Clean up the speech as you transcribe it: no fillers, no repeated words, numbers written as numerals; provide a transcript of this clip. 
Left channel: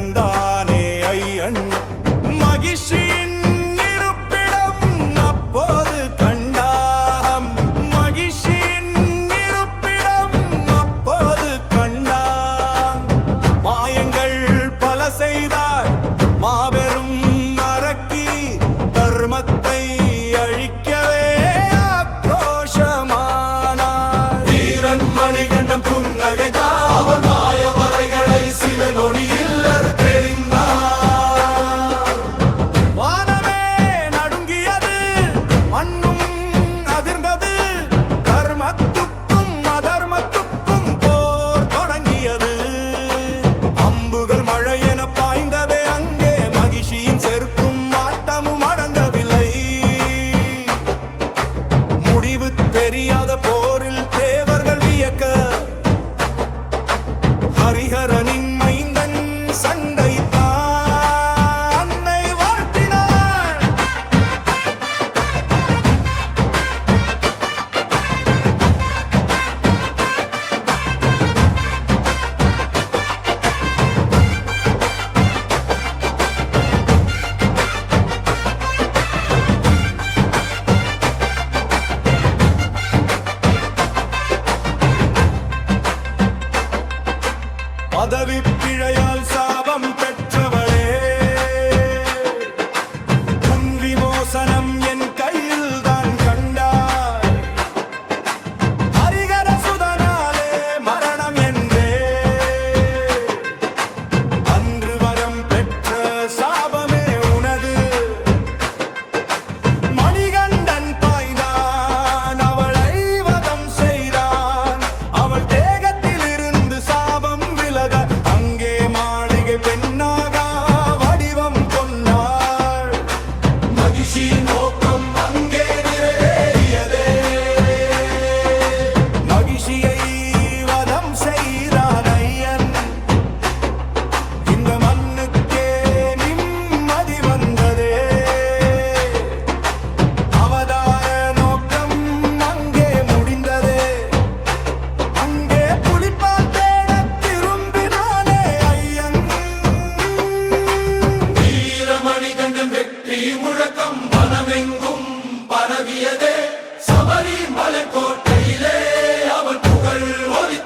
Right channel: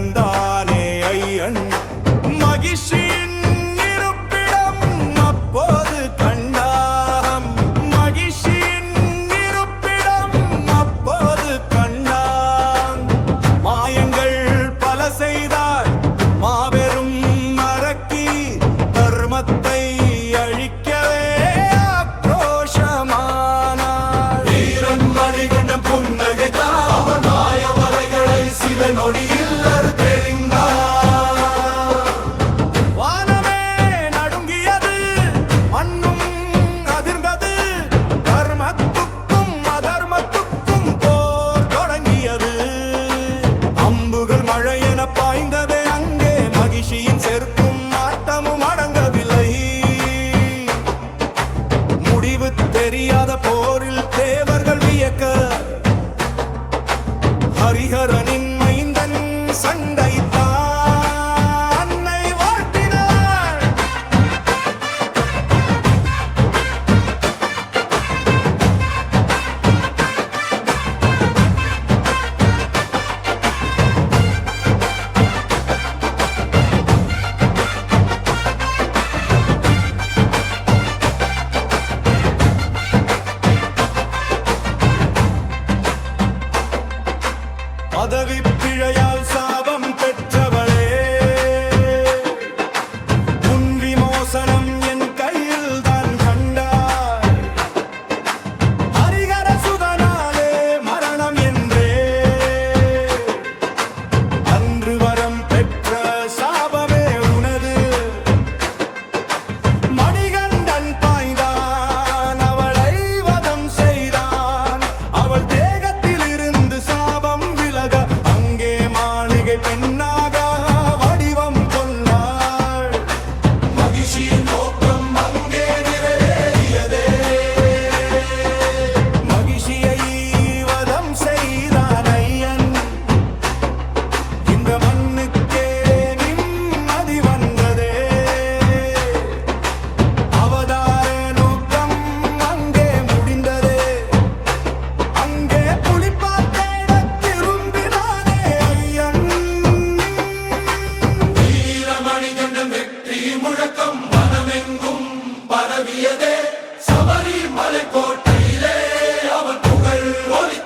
நடந்தானே ஐயன் மகிழ்ச்சியின் இருப்பிடம் அப்போது கண்டாம் மகிழ்ச்சியின் இருப்பிடம் அப்போது கண்டான் மாயங்கள் பல செய்தார் மாபெரும் அரக்கி தர்மத்தை அழிக்கவே ஆக்ரோஷமானார் வீரன் மணிகண்டன் புன்னகைத்தார் அவர் மாய வலைகளை சில நொடியில் தெரிந்தார் வானமே நடுங்கியது மண்ணும் அதிர்ந்தது தர்மத்துக்கும் அதர்மத்துக்கும் போர் தொடங்கியது அம்புகள் மழை என பாய்ந்ததே அங்கே மகிழ்ச்சியின் செருக்கும் ஆட்டமும் அடங்கவில்லை முடிவு தெரியாத போரில் தேவர்கள் வியக்க ஹரிஹரனின் மைந்தன் சண்டைத்தான் அன்னை வார்த்தினார் பதவி பிழையால் சாபம் பெற்றவளே உன் விமோசனம் என் கையில் தான் கண்டாய் ஹரிஹர சுதனாலே மரணம் என்றே அன்று வரம் பெற்ற சாபமே உனது மணிகண்டன் பாய்ந்தான் அவளை வதம் செய்தான் அவள் தேகத்தில் இருந்து சாபம் விலக அங்கே மாளிகை பெண்ணாக வடிவம் கொண்டாள் மகிழ்ச்சியின் நோக்கம் அங்கே நிறைவேறியதே மகிழ்ச்சியை வதம் செய்தான் ஐயன் இந்த மண்ணுக்கே நிம்மதி வந்ததே அவதார நோக்கம் அங்கே முடிந்ததே அங்கே புலிப்பால் தேட திரும்பினானே ஐயன் வீரமணிகண்டன் வெற்றி முழக்கம் வனமெங்கும் பரவியதே சபரிமலை கோட்டையிலே அவர் புகழ் ஒலி